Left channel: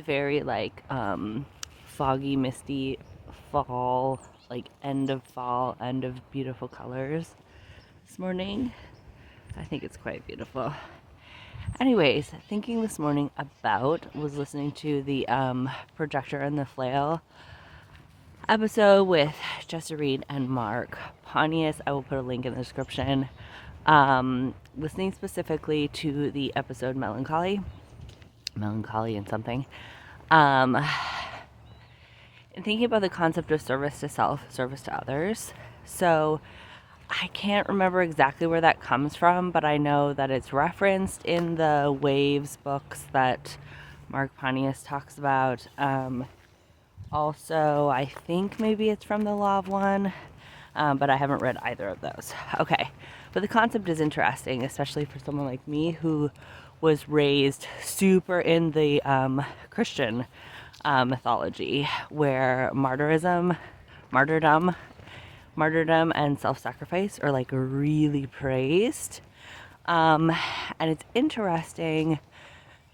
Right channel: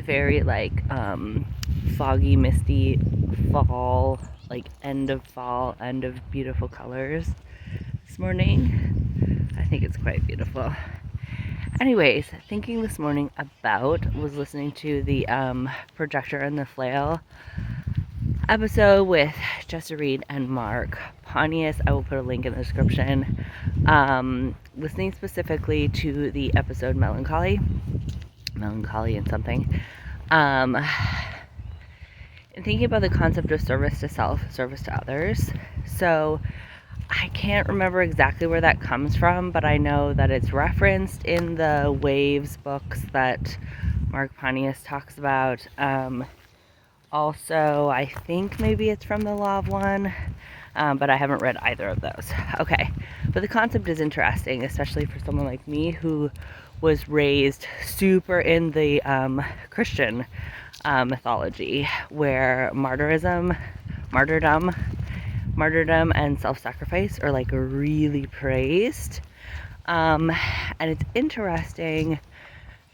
very like foggy, misty fall, like end of fall, end of beautiful colors this morning. I think it's quite beautiful. Anyways, thinking this morning was listening to the Projector and the Flail episode with Jessa Reed and Mark Pontius. I will put a link in the description. Listening specifically to the episode Melancholy and something. And thinking about the concept of service to self, service to others. So I can't remember exactly where that comes from, but I know that it's referenced in the Waves books that Mark Pontius talks about. Also, I think maybe it's from the Law of One, but I haven't read either of those. Okay, but the concept is interesting, especially for someone like me who was raised super in the Christian mythology, where martyrdom and self-sacrifice are like really praised. And it's interesting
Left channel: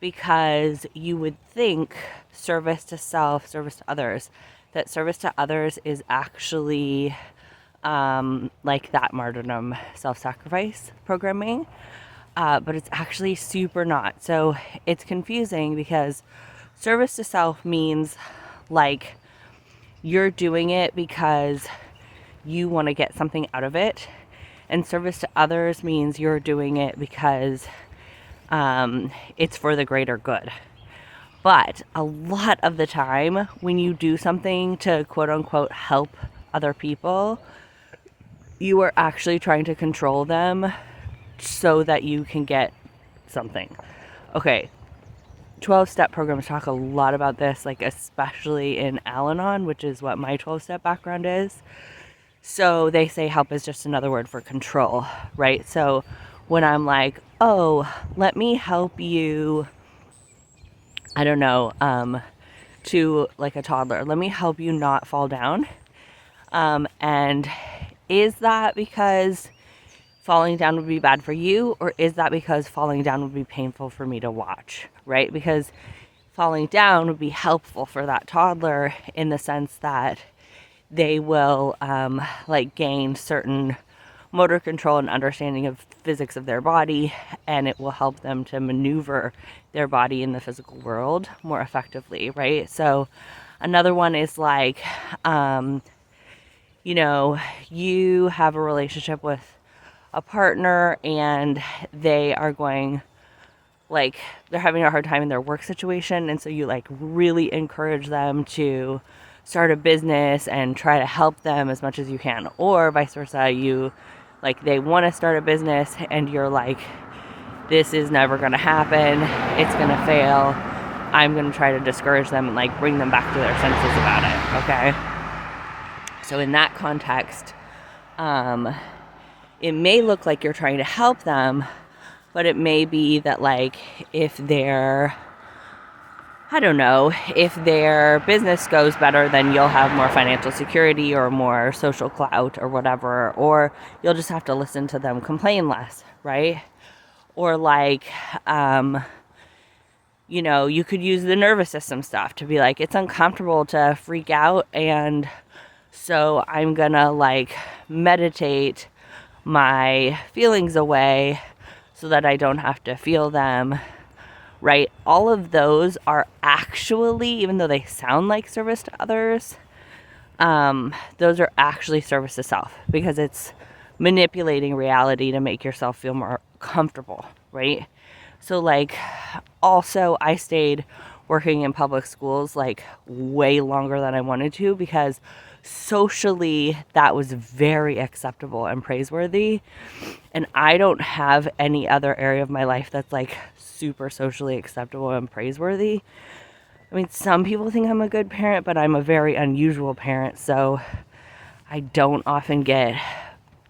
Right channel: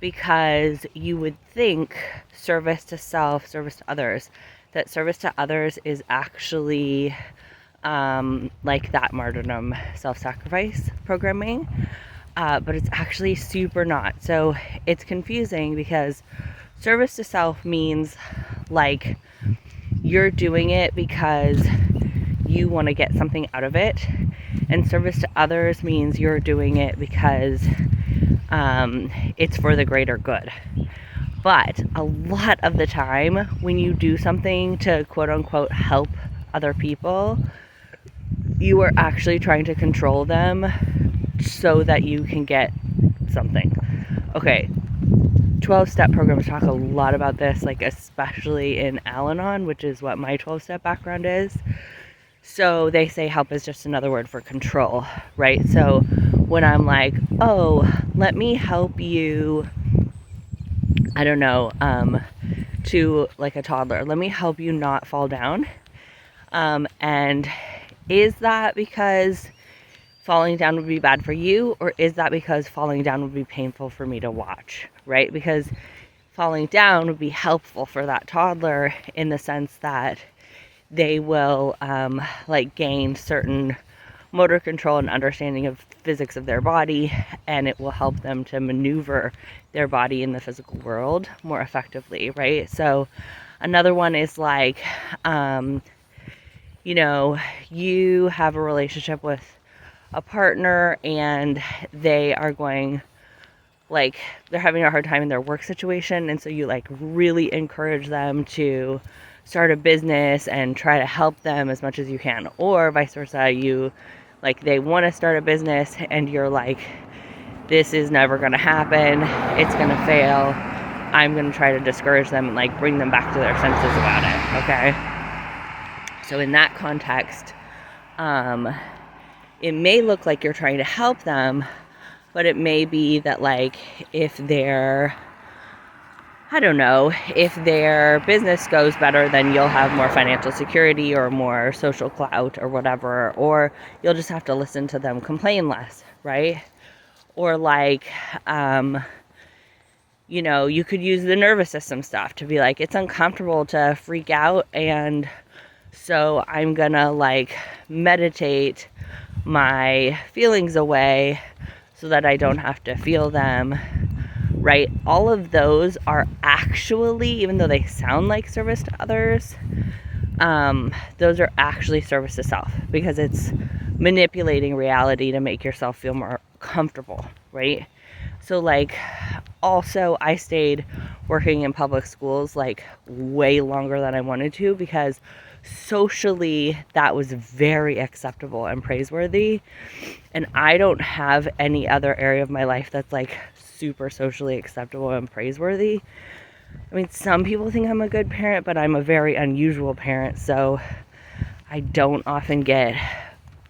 because you would think service to self, service to others, that service to others is actually like that martyrdom, self-sacrifice programming, but it's actually super not. So it's confusing because service to self means like you're doing it because you want to get something out of it, and service to others means you're doing it because it's for the greater good. But a lot of the time when you do something to quote unquote help other people, you are actually trying to control them so that you can get something. Okay, 12-step programs talk a lot about this, like especially in Al-Anon, which is what my 12-step background is. So they say help is just another word for control, right? So when I'm like, oh, let me help you, I don't know, to like a toddler, let me help you not fall down. And is that because falling down would be bad for you, or is that because falling down would be painful for me to watch, right? Because falling down would be helpful for that toddler in the sense that they will like gain certain motor control and understanding of physics of their body, and it will help them to maneuver their body in the physical world more effectively, right? So another one is like, you know, you have a relationship with a partner and they are going, like, they're having a hard time in their work situation, and so you like really encourage them to start a business and try to help them as much as you can. Or vice versa, you like, they want to start a business and you're like, this is never going to happen, it's going to fail, I'm going to try to discourage them and like bring them back to their senses about it. Okay, so in that context, it may look like you're trying to help them, but it may be that like if they're, I don't know, if their business goes better, then you'll have more financial security or more social clout or whatever, or you'll just have to listen to them complain less, right? Or like, you know, you could use the nervous system stuff to be like, it's uncomfortable to freak out, and so I'm gonna like meditate my feelings away so that I don't have to feel them, right? All of those are actually, even though they sound like service to others, those are actually service to self, because it's manipulating reality to make yourself feel more comfortable, right? So like, also I stayed working in public schools like way longer than I wanted to, because socially that was very acceptable and praiseworthy, and I don't have any other area of my life that's like super socially acceptable and praiseworthy. I mean, some people think I'm a good parent, but I'm a very unusual parent, so I don't often get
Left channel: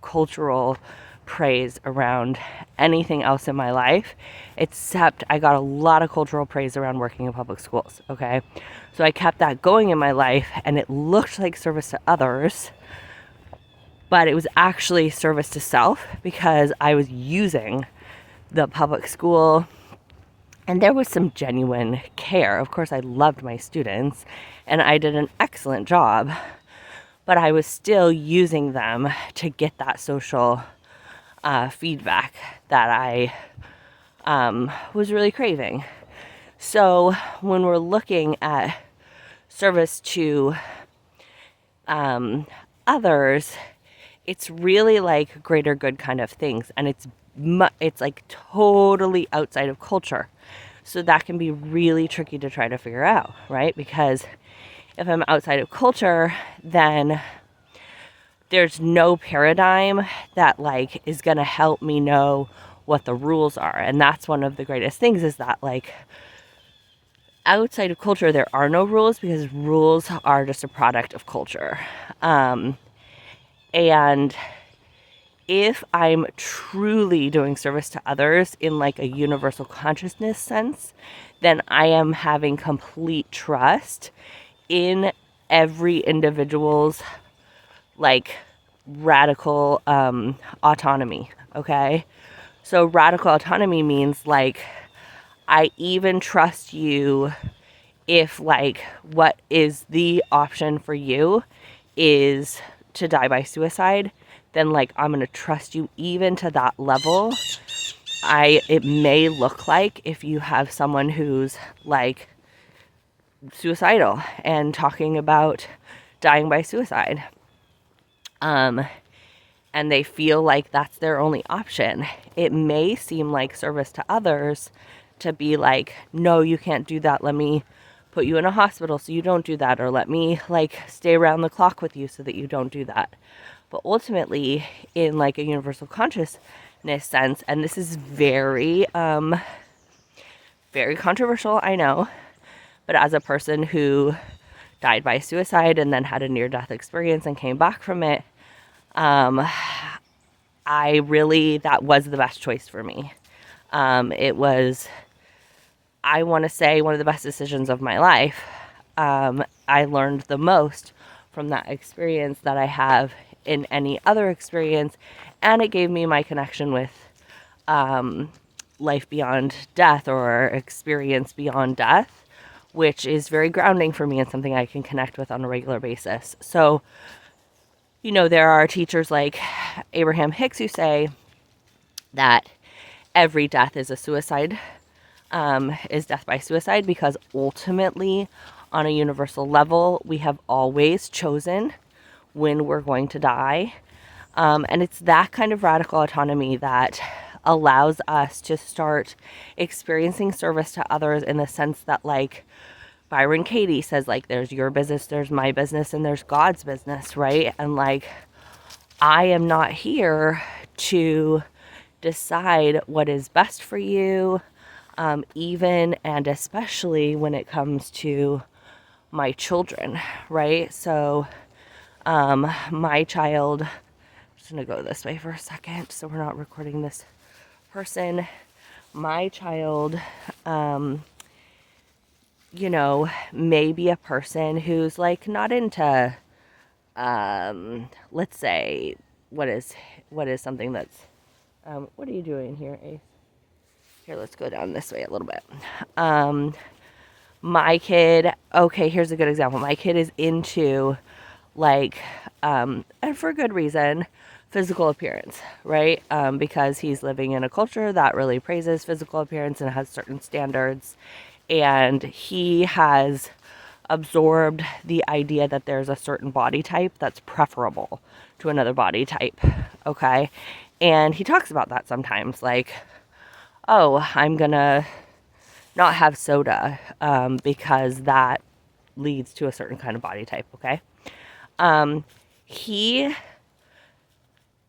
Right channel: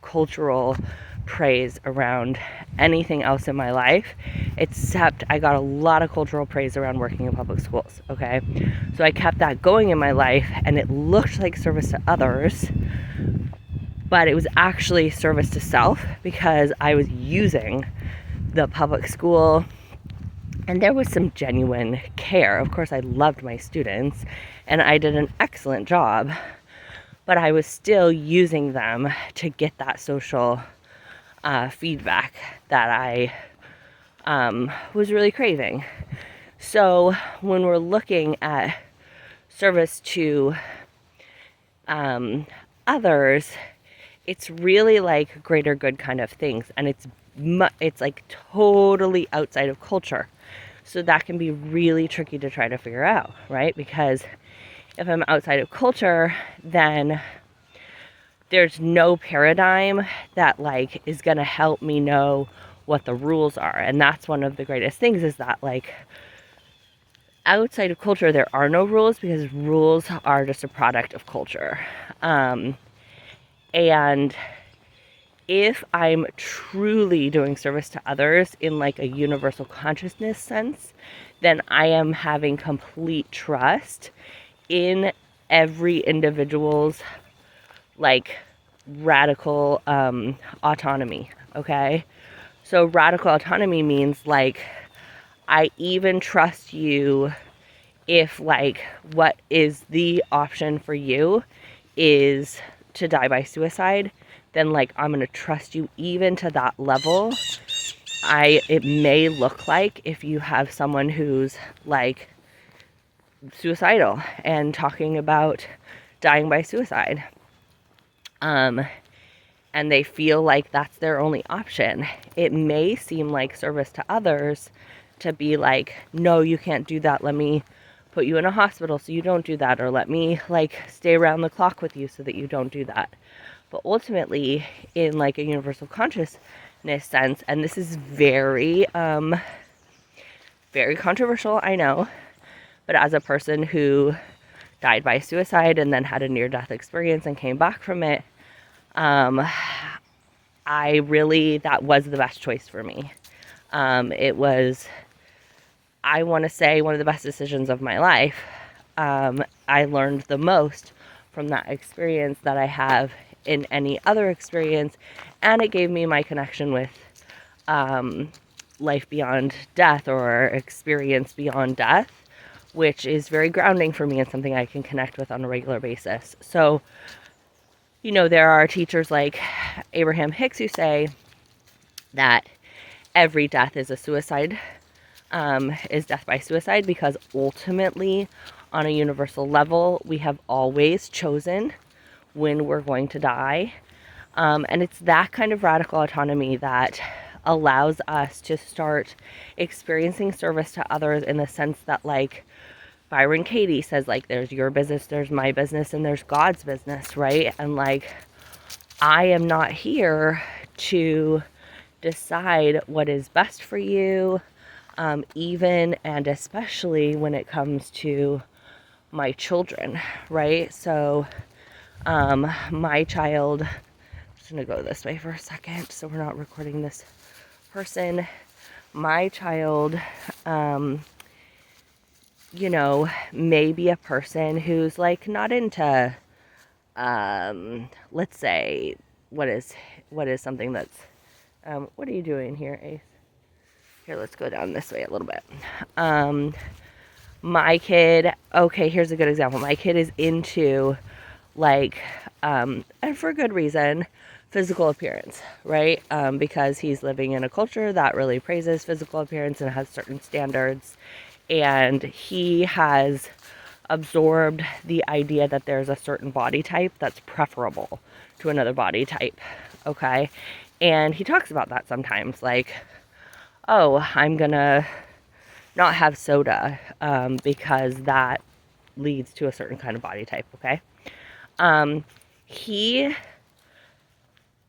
cultural praise around anything else in my life, except I got a lot of cultural praise around working in public schools, okay? So I kept that going in my life, and it looked like service to others, but it was actually service to self, because I was using the public school And there was some genuine care. Of course, I loved my students and I did an excellent job, but I was still using them to get that social feedback that I was really craving. So when we're looking at service to others, it's really like greater good kind of things, and it's like totally outside of culture. So that can be really tricky to try to figure out, right? Because if I'm outside of culture, then there's no paradigm that like is going to help me know what the rules are. And that's one of the greatest things, is that like outside of culture there are no rules, because rules are just a product of culture. And if I'm truly doing service to others in like a universal consciousness sense, then I am having complete trust in every individual's like radical autonomy. Okay, so radical autonomy means like I even trust you if like what is the option for you is to die by suicide, then like I'm gonna trust you even to that level. It may look like if you have someone who's like suicidal and talking about dying by suicide, and they feel like that's their only option, it may seem like service to others to be like, no, you can't do that, let me put you in a hospital so you don't do that, or let me like stay around the clock with you so that you don't do that. But ultimately, in like a universal consciousness sense, and this is very very controversial, I know, but as a person who died by suicide and then had a near-death experience and came back from it, that was the best choice for me. It was, I want to say, one of the best decisions of my life. I learned the most from that experience that I have in any other experience, and it gave me my connection with life beyond death, or experience beyond death, which is very grounding for me and something I can connect with on a regular basis. So, you know, there are teachers like Abraham Hicks who say that every death is a suicide, is death by suicide, because ultimately, on a universal level, we have always chosen when we're going to die. And it's that kind of radical autonomy that allows us to start experiencing service to others, in the sense that like Byron Katie says, like, there's your business, there's my business, and there's God's business, right? And like, I am not here to decide what is best for you, even and especially when it comes to my children, right? So my child, I'm just gonna go this way for a second so we're not recording this person. My child, you know, may be a person who's like not into, let's say, what is something that's, what are you doing here, Ace? Here, let's go down this way a little bit. My kid, okay, here's a good example. My kid is into like, and for good reason, physical appearance, right? Because he's living in a culture that really praises physical appearance and has certain standards. And he has absorbed the idea that there's a certain body type that's preferable to another body type, okay? And he talks about that sometimes, like, oh, I'm gonna not have soda because that leads to a certain kind of body type, okay? He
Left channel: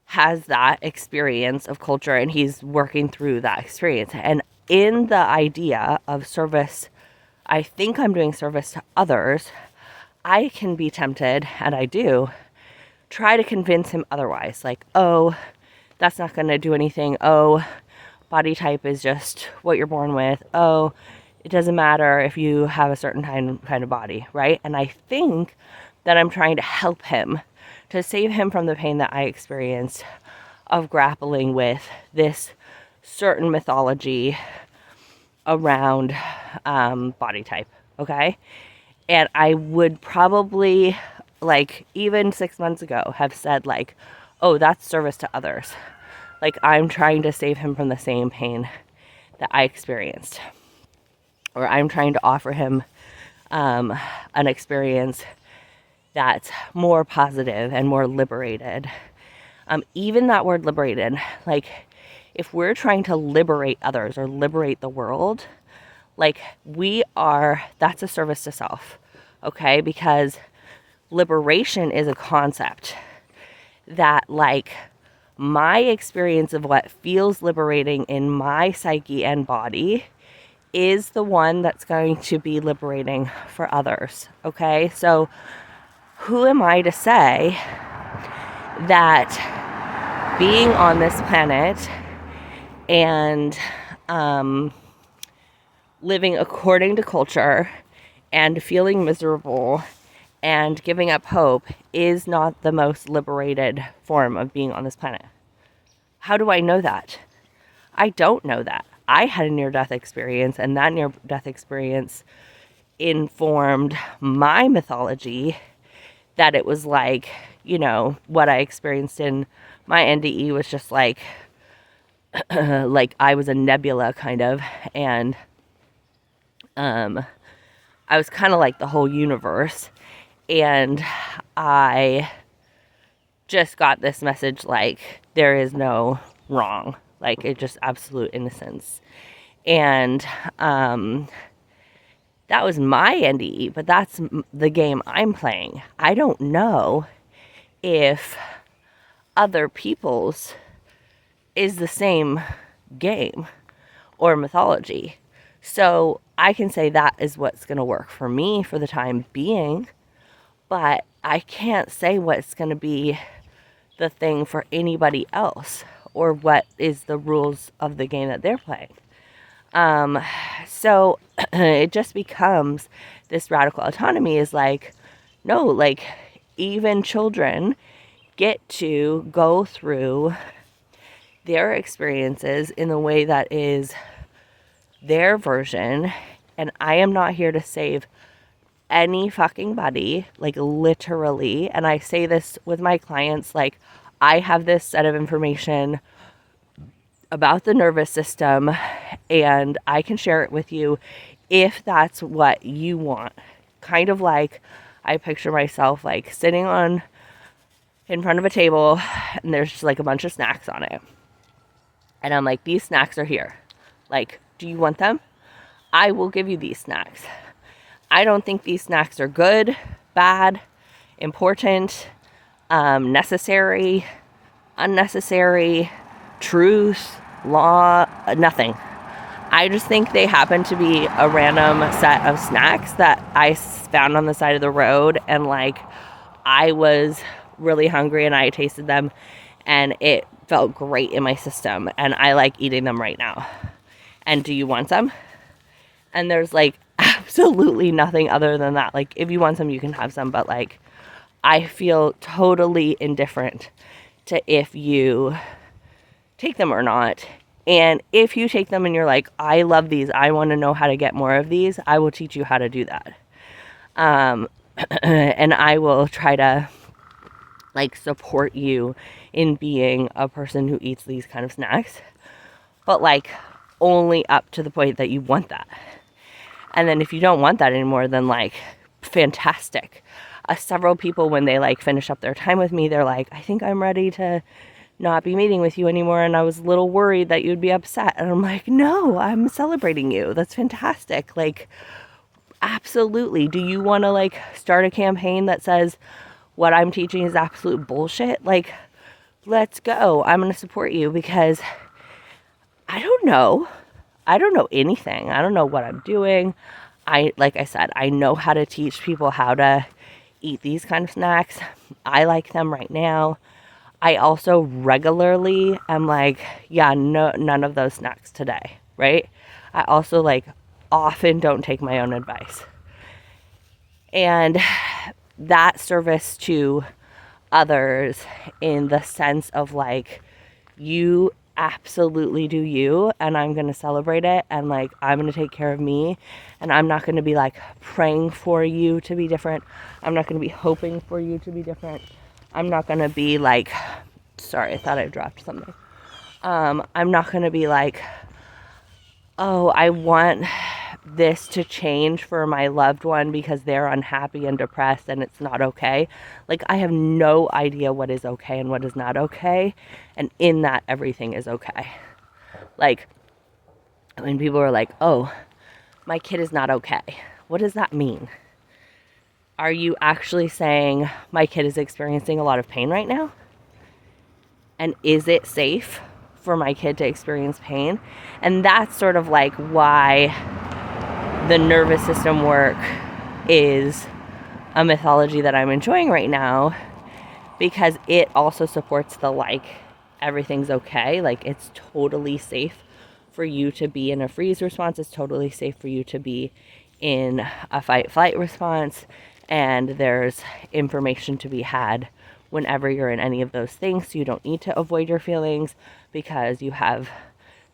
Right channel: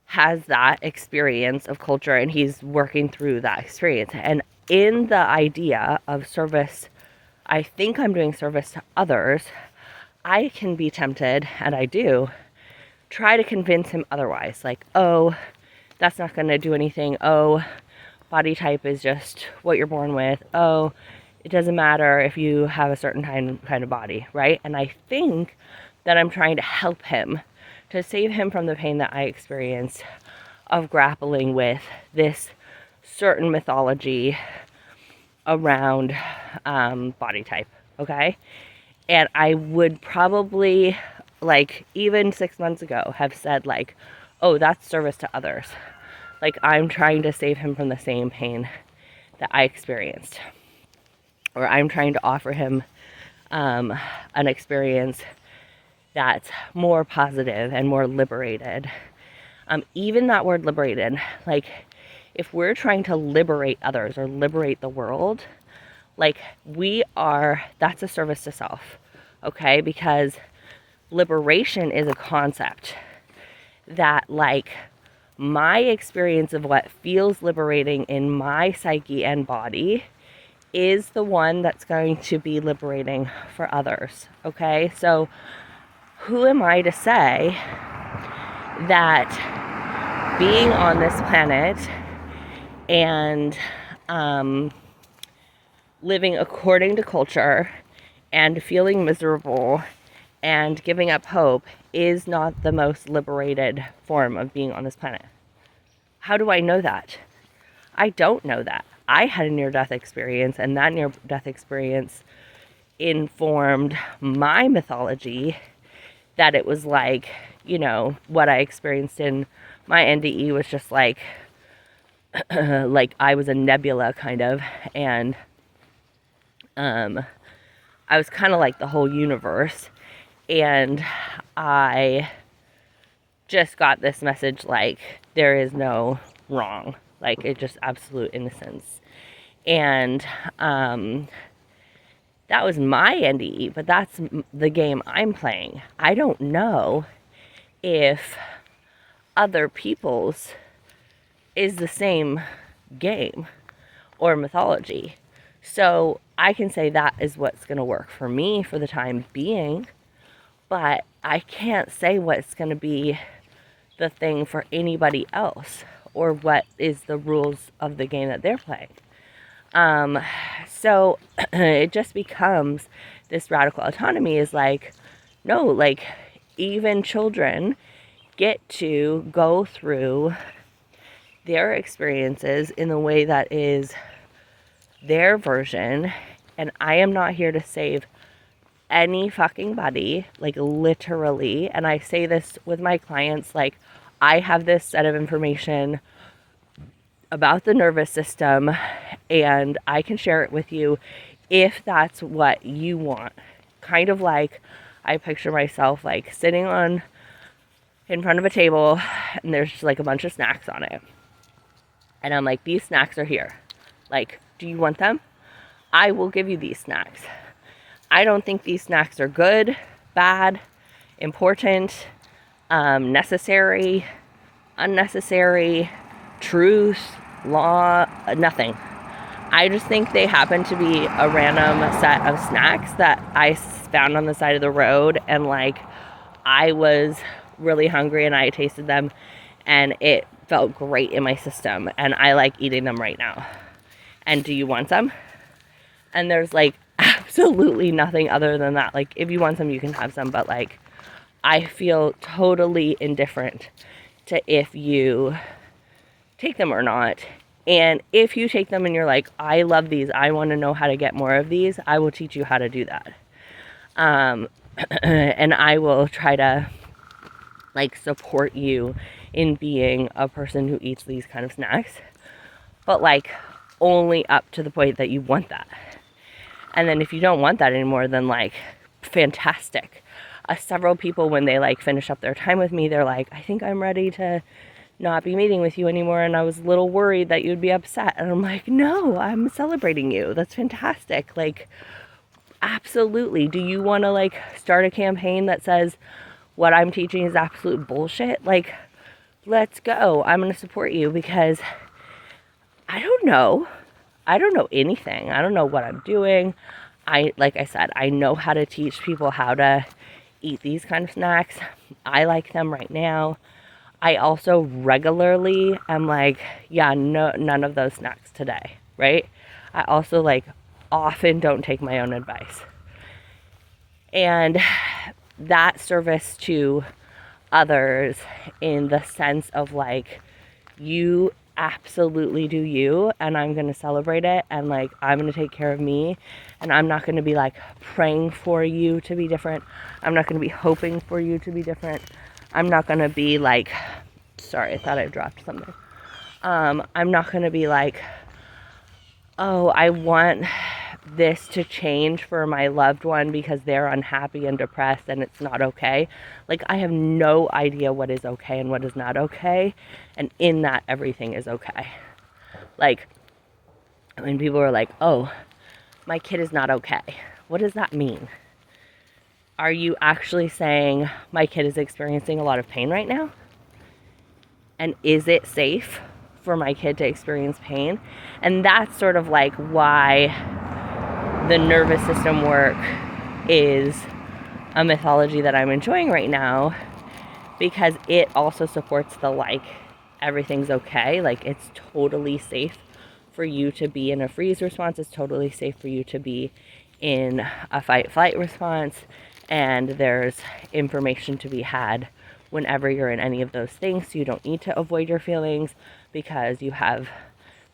has that experience of culture, and he's working through that experience. And in the idea of service, I think I'm doing service to others, I can be tempted, and I do, try to convince him otherwise. Like, oh, that's not going to do anything. Oh, body type is just what you're born with. Oh, it doesn't matter if you have a certain kind of body, right? And I think that I'm trying to help him, to save him from the pain that I experienced of grappling with this certain mythology around body type, okay? And I would probably, like, even 6 months ago, have said, like, oh, that's service to others. Like, I'm trying to save him from the same pain that I experienced. Or I'm trying to offer him an experience that's more positive and more liberated. Even that word liberated, like, if we're trying to liberate others or liberate the world, like, that's a service to self, okay? Because liberation is a concept that, like, my experience of what feels liberating in my psyche and body is the one that's going to be liberating for others, okay? So who am I to say that being on this planet and living according to culture and feeling miserable and giving up hope is not the most liberated form of being on this planet? How do I know that? I don't know that. I had a near-death experience, and that near-death experience informed my mythology that it was like, you know, what I experienced in my NDE was just like, like I was a nebula kind of, and I was kind of like the whole universe, and I just got this message like there is no wrong, like it's just absolute innocence. And that was my NDE, but that's the game I'm playing. I don't know if other people's is the same game or mythology. So I can say that is what's going to work for me for the time being, but I can't say what's going to be the thing for anybody else or what is the rules of the game that they're playing. So it just becomes this radical autonomy is like, no, like even children get to go through their experiences in the way that is their version, and I am not here to save any fucking body, like literally. And I say this with my clients, like I have this set of information about the nervous system and I can share it with you if that's what you want. Kind of like I picture myself like sitting in front of a table and there's just like a bunch of snacks on it. And I'm like, these snacks are here. Like, do you want them? I will give you these snacks. I don't think these snacks are good, bad, important, necessary, unnecessary, truth, law, nothing. I just think they happen to be a random set of snacks that I found on the side of the road, and like I was really hungry and I tasted them and it felt great in my system and I like eating them right now. And do you want some? And there's like absolutely nothing other than that. Like if you want some, you can have some, but like I feel totally indifferent to if you take them or not. And if you take them and you're like, I love these, I want to know how to get more of these, I will teach you how to do that. And I will try to like support you in being a person who eats these kind of snacks, but like only up to the point that you want that. And then if you don't want that anymore, then like fantastic. Several people, when they like finish up their time with me, they're like, I think I'm ready to not be meeting with you anymore, and I was a little worried that you'd be upset. And I'm like, no, I'm celebrating you. That's fantastic. Like, absolutely. Do you want to like start a campaign that says what I'm teaching is absolute bullshit? Like, let's go. I'm going to support you because I don't know anything. I don't know what I'm doing. Like I said, I know how to teach people how to eat these kind of snacks. I like them right now. I also regularly, I'm like, yeah, no, none of those snacks today, right? I also like often don't take my own advice. And that service to others in the sense of like, you absolutely do you, and I'm going to celebrate it, and like I'm going to take care of me, and I'm not going to be like praying for you to be different. I'm not going to be hoping for you to be different. I'm not going to be like, sorry, I thought I dropped something. I'm not going to be like, oh, I want this to change for my loved one because they're unhappy and depressed and it's not okay. Like, I have no idea what is okay and what is not okay. And in that, everything is okay. Like, when people are like, oh, my kid is not okay. What does that mean? Are you actually saying my kid is experiencing a lot of pain right now? And is it safe for my kid to experience pain? And that's sort of like why the nervous system work is a mythology that I'm enjoying right now, because it also supports the like everything's okay, like it's totally safe for you to be in a freeze response, it's totally safe for you to be in a fight flight response, and there's information to be had whenever you're in any of those things. So you don't need to avoid your feelings because you have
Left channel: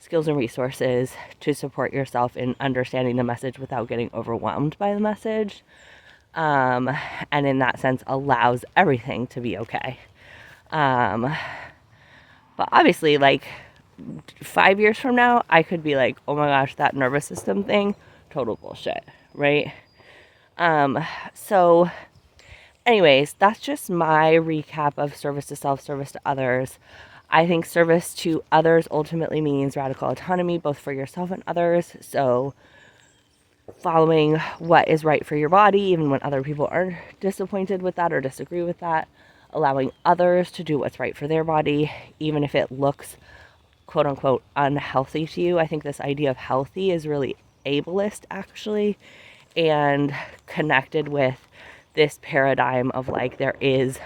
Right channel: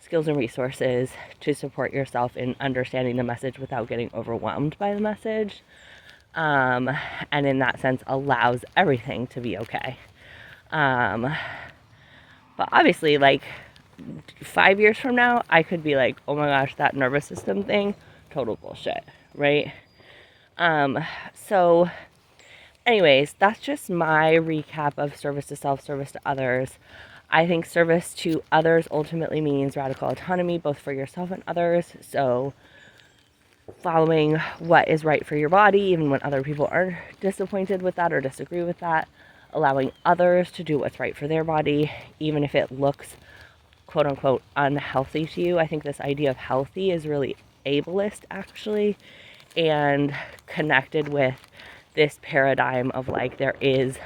skills and resources to support yourself in understanding the message without getting overwhelmed by the message. And in that sense allows everything to be okay. But obviously, like 5 years from now, I could be like, oh my gosh, that nervous system thing, total bullshit, right? So anyways, that's just my recap of service to self, service to others. I think service to others ultimately means radical autonomy, both for yourself and others. So following what is right for your body, even when other people are disappointed with that or disagree with that. Allowing others to do what's right for their body, even if it looks quote unquote unhealthy to you. I think this idea of healthy is really ableist, actually, and connected with this paradigm of like there is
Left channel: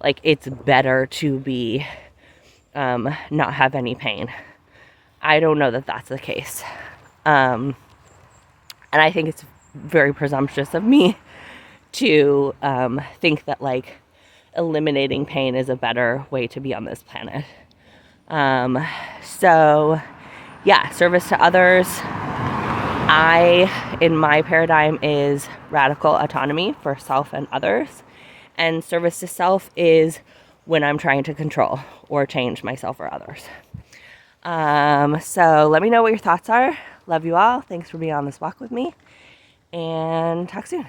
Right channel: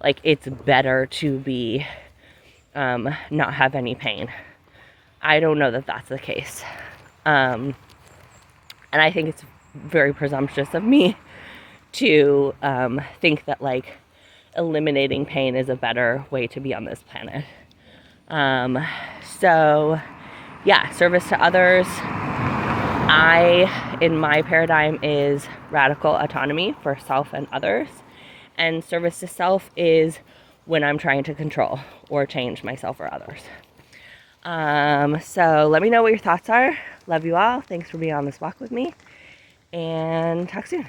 like it's better to be not have any pain. I don't know that that's the case. And I think it's very presumptuous of me to think that like eliminating pain is a better way to be on this planet. So yeah, service to others, in my paradigm, is radical autonomy for self and others. And service to self is when I'm trying to control or change myself or others. So let me know what your thoughts are. Love you all. Thanks for being on this walk with me. And talk soon.